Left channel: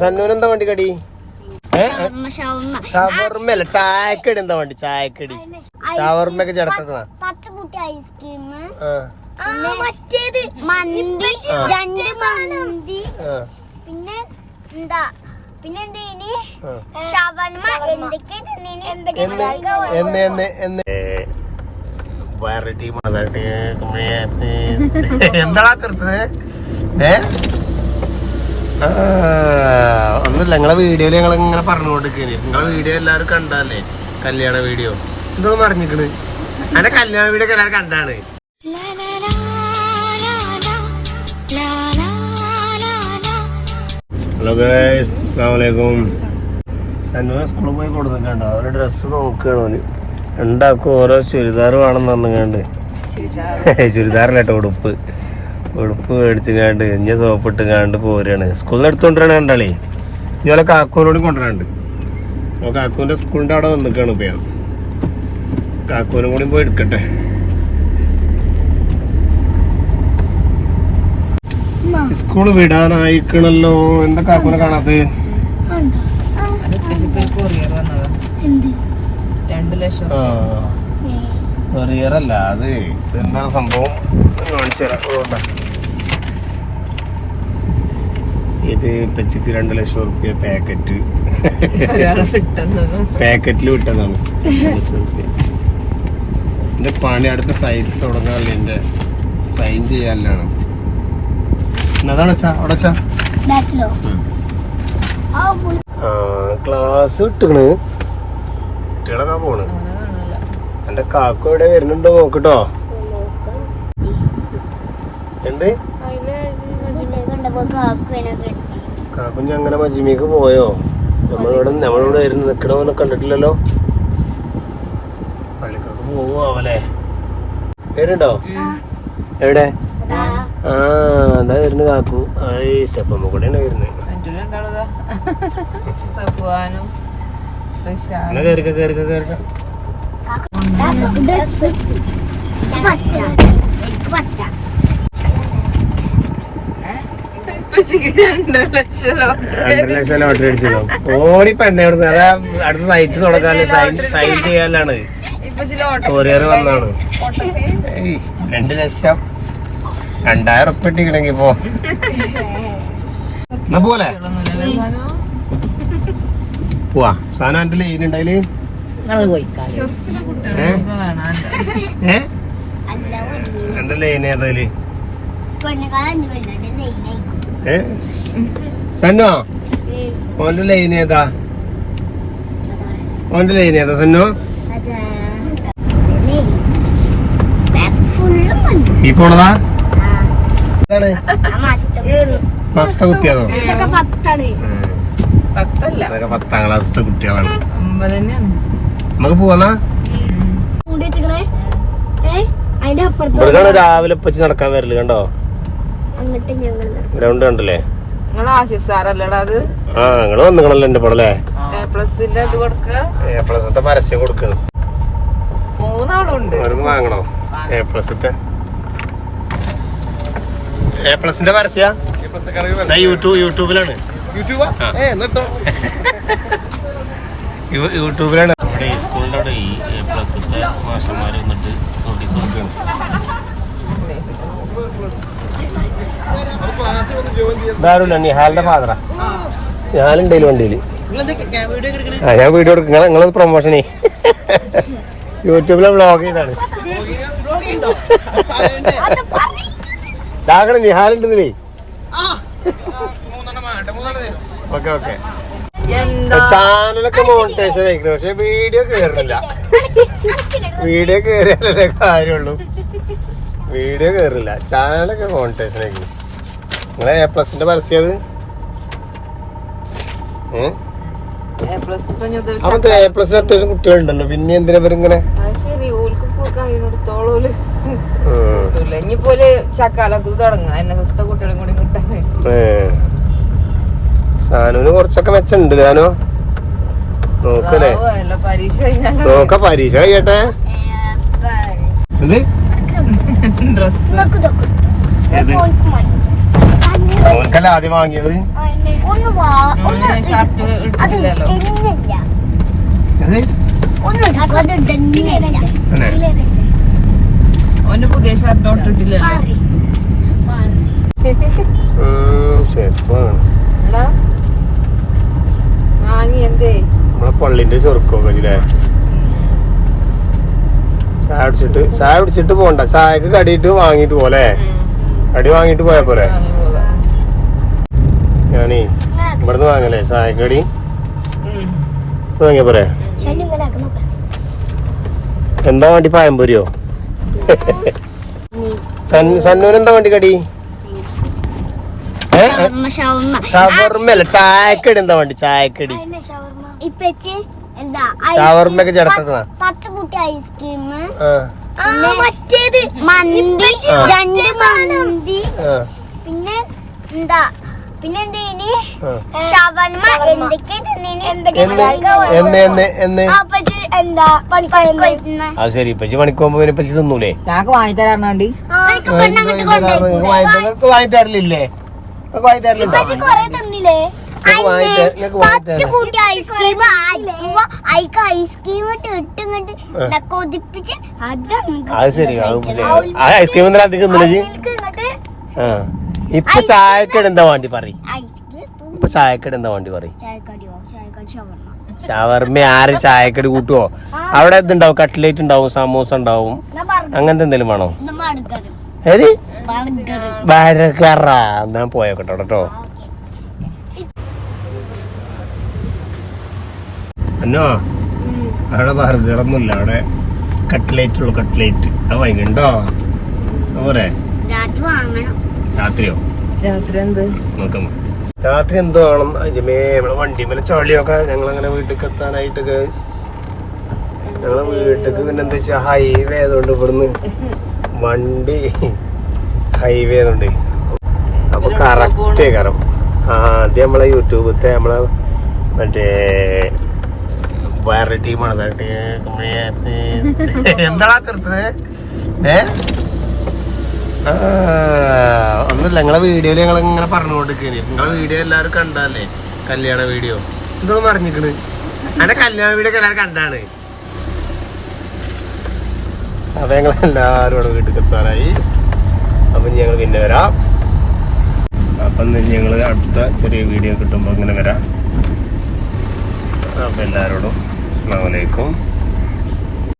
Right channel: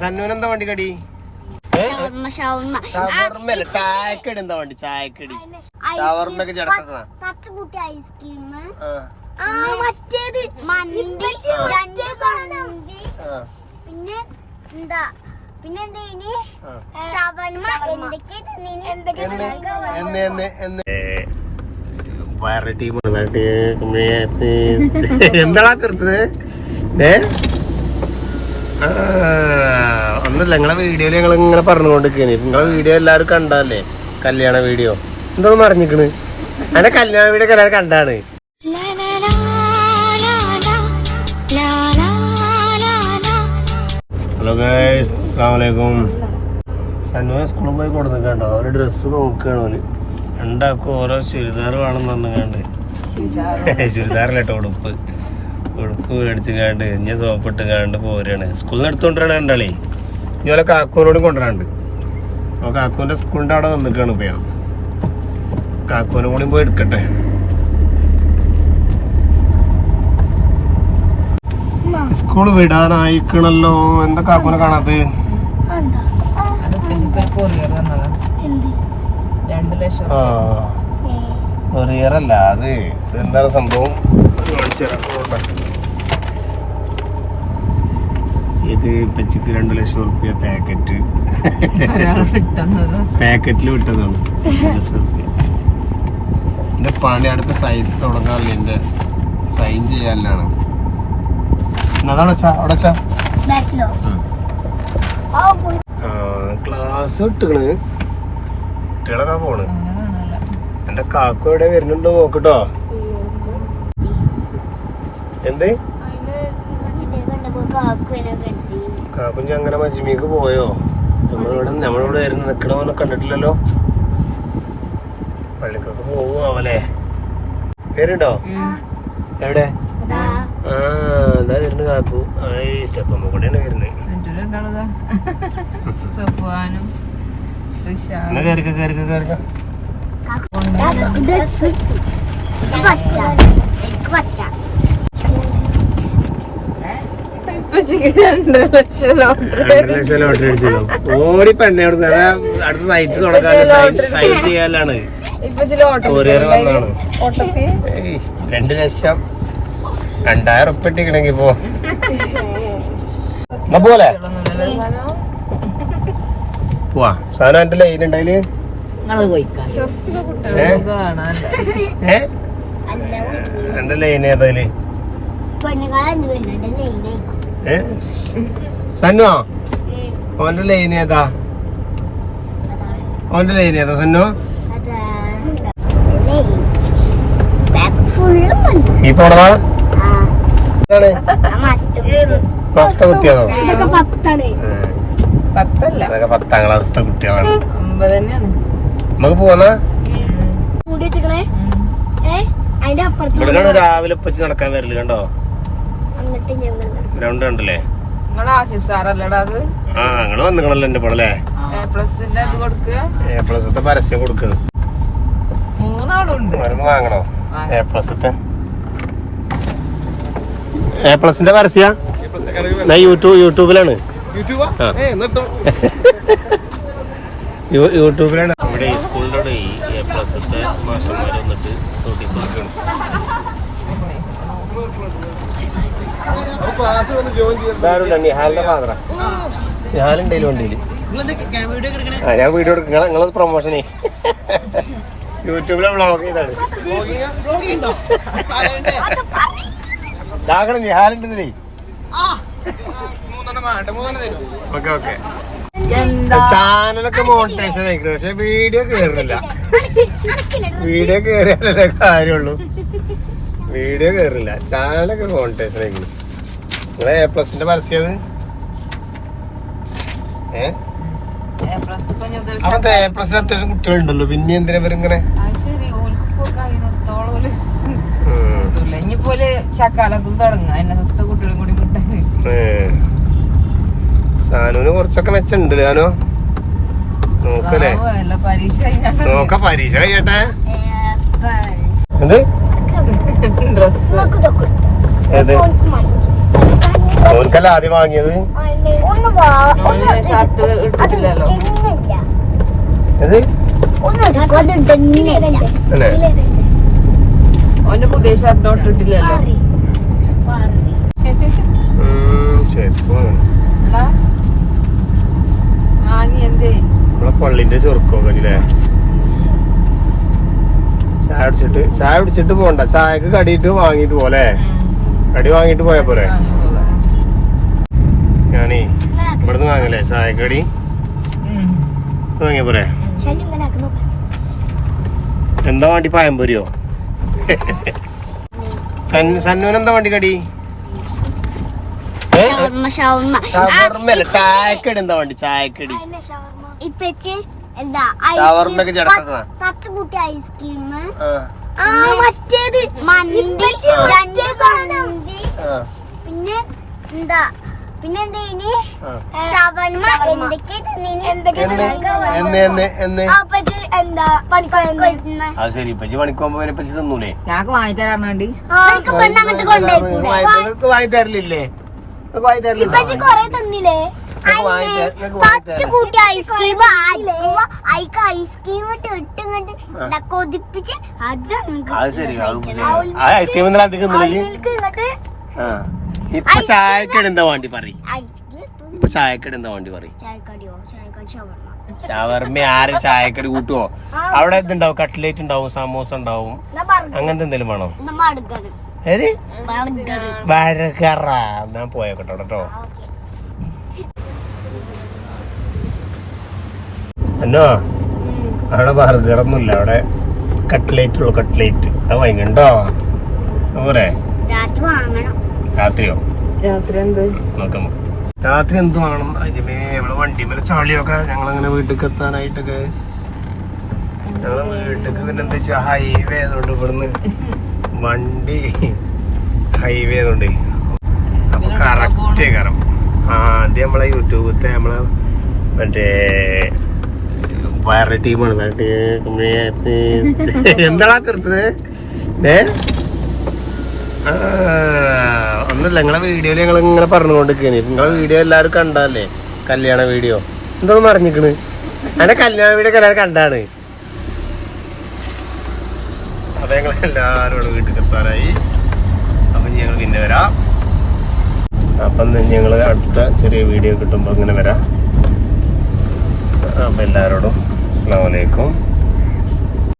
സന്നൂന് എന്താ വണ്ടി കടി? ചായക്കടി എന്താ വണ്ടി? ചായക്കടി ഷവർമ്മയൊക്കെ ചേർക്കുന്നതാ. 10 കുട്ടി ഐസ്ക്രീം, പിന്നെ എന്താ എന്താ തീർത്തത്? ഒന്നുമില്ല, നിങ്ങളെ വീഡിയോയില് ഞങ്ങൾ ഇങ്ങനെ പറഞ്ഞുകൊണ്ടിരിക്കുന്നു. നിങ്ങളെ വീഡിയോ എല്ലാരും കണ്ടല്ലേ? കല്യാണ വീഡിയോ എന്തോന്ന് പറഞ്ഞിക്കണ്? അങ്ങനെ കല്യാണ വീഡിയോ ഒക്കെ എല്ലാവരും കണ്ടാണ്. ഹലോ ഗൈസ്, അസ്സലാമു അലൈക്കും. സന്നുവിനെ സ്കൂളിൽ പോയി കൊടുത്തിട്ടുണ്ടോ? അവരുടെ ഡ്രസ്സ് നോക്കുകയാണ്. അവന് ഉണ്ടാക്കും ഓരോ ചുരിദാർ വേണമെന്ന് പറഞ്ഞുകൊണ്ട് ചുരിദാറിലാട്ടോ ഉടുപ്പ് മേടിച്ചുകാണ്ട് ഇഞ്ഞ സോപ്പ് ഇട്ടുകാണ്ട് പോരുകയാണ്. സ്കൂളിൽ നിന്ന് എടുത്തുകൊണ്ടിരാണ് രണ്ടാളേ. ഇതുപോലെ കാക്കൂനോടും കൊണ്ടുവരാണ്ട്. അപ്പോൾ കാക്കൂൻ്റെ സ്കൂളിൻ്റെ അവിടെ വന്നിക്കാണ് ഇപ്പം ഞാൻ. കാക്കൂനും കൂടി പോയി എടുക്കട്ടെ. സ്കൂള് വിടാനായിക്കണല്ലോ. എന്താ കാക്കൂനെ കാണാത്ത? കൊറിയറല്ല അത്. എന്താണ് സംഭവം? ഇത് പെച്ചിക്ക് 2 ലക്ഷം റുപ്യ പാക്കറ്റിൽ വിട്ടതാണ്. 2 ലക്ഷം റുപ്യ. എന്റെ പണി അടുത്ത സൈറ്റ് തുടങ്ങാറില്ല. എന്റെ സൈൻ ചെയ്യാനാണ്. ക്ലാസ് വിട്ടണ്. കുട്ടികളൊക്കെ പോണ്. എന്റെ കാക്കു എവിടെ വരുന്നുണ്ടോ നോക്കട്ടോ. എന്ത് കാക്കുഞ്ഞ് അങ്ങനെ മജിമിക്ക് പോയോ? നമ്മളിവിടെ ആയിരുന്നു നിക്കണ പോലെ കണ്ടിട്ടില്ലല്ലോ. പള്ളിക്കൊക്കെ പോവോ അവലെ? വരുന്നുണ്ടോ? എവിടെ? എന്താ വരുന്നു കാക്കു? സ്റ്റെപ്പമ്മ കൂടെയാണ് വരുന്നത്. ഓടി പെണ്ണെ അടുത്ത സൈറ്റ് തുടങ്ങാൻ സൈൻ ചെയ്യാനാണ്. കൊറിയർ വന്നാണ്. 2 ലക്ഷം 2000 ഉറുപ്പിക ഇട്ടിക്കണെങ്കി പോ. എന്നാ പോലെ പോവാ. സാധനം എന്റെ ലൈൻ ഉണ്ടതില്. എന്റെ ലൈൻ ഏതായാല് സന്നോ? ഓന്റെ ലൈൻ ഏതാ? ഓന്റെ ലൈൻ ഏതാ സന്നോ? ഈ പോണതാ? മസ്ത കുത്തിയാണോ? അതൊക്കെ 10ാം ക്ലാസ്സിലെ കുട്ടികളാണ്. നമുക്ക് പോവാ. രാവിലെ വെച്ച് നടക്കാൻ വരല് കണ്ടോ? ഗ്രൗണ്ട് കണ്ടില്ലേ? നിങ്ങള് വന്നിക്കണല്ലോ എന്റെ പടല്ലേ. A+ പരസ്യം കൊടുക്കണം. 3 ആളുണ്ട്. വാങ്ങണോ A+? A+ന്റെ പരസ്യ യൂട്യൂബിലാണ്. യൂട്യൂബിലാണ്. ഇവിടെ ഈ സ്കൂളിന്റെ അവിടെ ഈ A+ത്തെ മാഷന്മാര് വന്നിട്ട് നോട്ടീസ് കൊടുക്കണം. നിഹാലിന്റെ ഫാദറാ. നിഹാലുണ്ടേലും വണ്ടിയില്. ഞാൻ വീഡിയോ എടുക്കും. നിങ്ങളത് പ്രൊമോഷനേ യൂട്യൂബിലെ വ്ളോഗ് ചെയ്താണ്. നിഹാലുണ്ടെന്നേ. Okay okay. ചാനലൊക്കെ മോണിറ്റൈസേഷൻ ആയിരിക്കണം. പക്ഷെ വീഡിയോ കയറില്ല. വീഡിയോ കയറിയല്ലേ കാര്യമുള്ളൂ. വീഡിയോ കയറില്ല. ചാനലൊക്കെ മോണിറ്റൈസേഷൻ ആയിരിക്കണം. നിങ്ങളെ A+ന്റെ പരസ്യം അത്. അപ്പത്തെ A+ അത്യാവശ്യം കുട്ടികളുണ്ടല്ലോ. പിന്നെ എന്തിനാ ഇവരിങ്ങനെ? സാനുവിന് കുറച്ചൊക്കെ മെച്ചുണ്ട്. ഞാനോ നോക്കല്ലേ? നോക്ക പരീക്ഷ കഴിയട്ടെ. എന്ത് ഓർക്കല്ല ആദ്യം വാങ്ങിയത്? ഷർട്ട് ഇട്ടിട്ടില്ലല്ലോ. ഇത് അല്ലേ ഓന്റെ പുതിയ ഷർട്ട് ഇട്ടിട്ടില്ലല്ലോ. ചെരുപ്പാ എടാ വാങ്ങി എന്തേ ആ പള്ളിന്റെ ചെറുക്കോ കജിലേ ചായ കുടിച്ചിട്ട് പോണ്ട, ചായക്ക് കടിയിട്ട് വാങ്ങിട്ട് പോലെ കടി വാങ്ങിട്ട് പോയാ പോരെ. വാങ്ങി പോകാം. ഞാനേ ഇവിടുന്ന് വാങ്ങലേ ചായക്കടി വാങ്ങിയ പോരെ. എന്താ വേണ്ടി പഴംപൊരിയോ? സന്നൂന് എന്താ വേണ്ടി കടി? ഷവർമ്മല്ല, ചായക്കടി എന്താ വേണ്ടി? ചായക്കടി ഇപ്പച്ചി എന്താ ഷവർമ്മക്ക് ചേർക്കുന്നതാ. 10 കൂട്ടി ഐസ്ക്രീം, ആ മറ്റേത് മന്തി, 2 മന്തി, പിന്നെ എന്താ പിന്നെ എന്തേനി ഷവർമ്മ, എന്തൊക്കെ എന്താ പണിക്കൊന്ന. അത് ശരി, ഇപ്പച്ചി പണിക്ക് പോകുമ്പോ പിന്നെ ഇപ്പച്ചി തിന്നൂലേ? ഞങ്ങക്ക് വാങ്ങി തരാൻ വേണ്ടി അങ്ങോട്ട് കൊണ്ടുപോയിക്കൂടെ? വാങ്ങി തരലില്ലേ? വാങ്ങി തരലില്ലേ? ഇപ്പച്ചി കൊറേ തന്നില്ലേ? 10 കൂട്ടി ഐസ്ക്രീം, അയക്ക് ഐസ്ക്രീം ഇട്ട് ഇങ്ങോട്ട് കൊതിപ്പിച്ച് അത് ശരി. ഐസ്ക്രീം അധികം ഇങ്ങോട്ട്. ഇപ്പൊ ചായക്കട എന്താ വേണ്ടി പറയും? ഇപ്പൊ ചായക്കട എന്താ വേണ്ടി പറയും? ഷവർമ്മ ആരും ചായക്കടി കൂട്ടുവോ? അവിടെ എന്തുണ്ടാവും? കട്ട്ലേറ്റ് ഉണ്ടാവും, സമൂസ ഉണ്ടാവും, അങ്ങനത്തെ എന്തെങ്കിലും വേണോ? ഏത് ബർഗറ? എന്നാ പോയോക്കട്ടോ കേട്ടോ. അന്നോ അവിടെ ബർഗറൊന്നുമില്ല, അവിടെ കട്ട്ലേറ്റ് ഉള്ളു. കട്ട്ലേറ്റ് അത് വാങ്ങിണ്ടോ? പോരെ? രാത്രിയോ? രാത്രി എന്ത് നോക്കാം. രാത്രി എന്തോ വേണം അതിമേ നമ്മളെ വണ്ടി മേലെ ചളിയൊക്കെ. ഞങ്ങളങ്ങനെ വീട്ടിലേക്ക് എത്താനായിട്ട് ഞങ്ങളെ വീട്ടിലേക്ക് പിന്നെ എന്താ വെച്ചാ ഹൈവേ ആയതുകൊണ്ട് ഇവിടുന്ന് വണ്ടി ഹൈവേ ആയതുകൊണ്ട് അപ്പൊ കറക്റ്റേ കയറും. ആദ്യം നമ്മളെ യൂട്യൂബത്തെ നമ്മളെ മറ്റേ വേറെ ടീമാണ്. എന്താടാ തീർച്ചത്? ഒന്നുമില്ല, നിങ്ങളെ വീഡിയോയില് ഞങ്ങൾ ഇങ്ങനെ പറഞ്ഞുകൊണ്ടിരിക്കുന്നു. നിങ്ങളെ വീഡിയോ എല്ലാവരും കണ്ടല്ലേ? കല്യാണ വീഡിയോ എന്തോന്ന് പറഞ്ഞിക്കണ്? അങ്ങനെ കല്യാണ വീഡിയോ ഒക്കെ എല്ലാവരും കണ്ടാണ്. അത് ഞങ്ങളെല്ലാവരും ഇവിടെ വീട്ടിൽ എത്താറായി. അപ്പം ഞങ്ങൾ പിന്നെ വരാം. അപ്പം ഞങ്ങൾ അടുത്ത ചെറിയ വീഡിയോ കിട്ടുമ്പോൾ അങ്ങനെ വരാം. അപ്പം എല്ലാവരോടും അസ്സലാമു അലൈക്കും.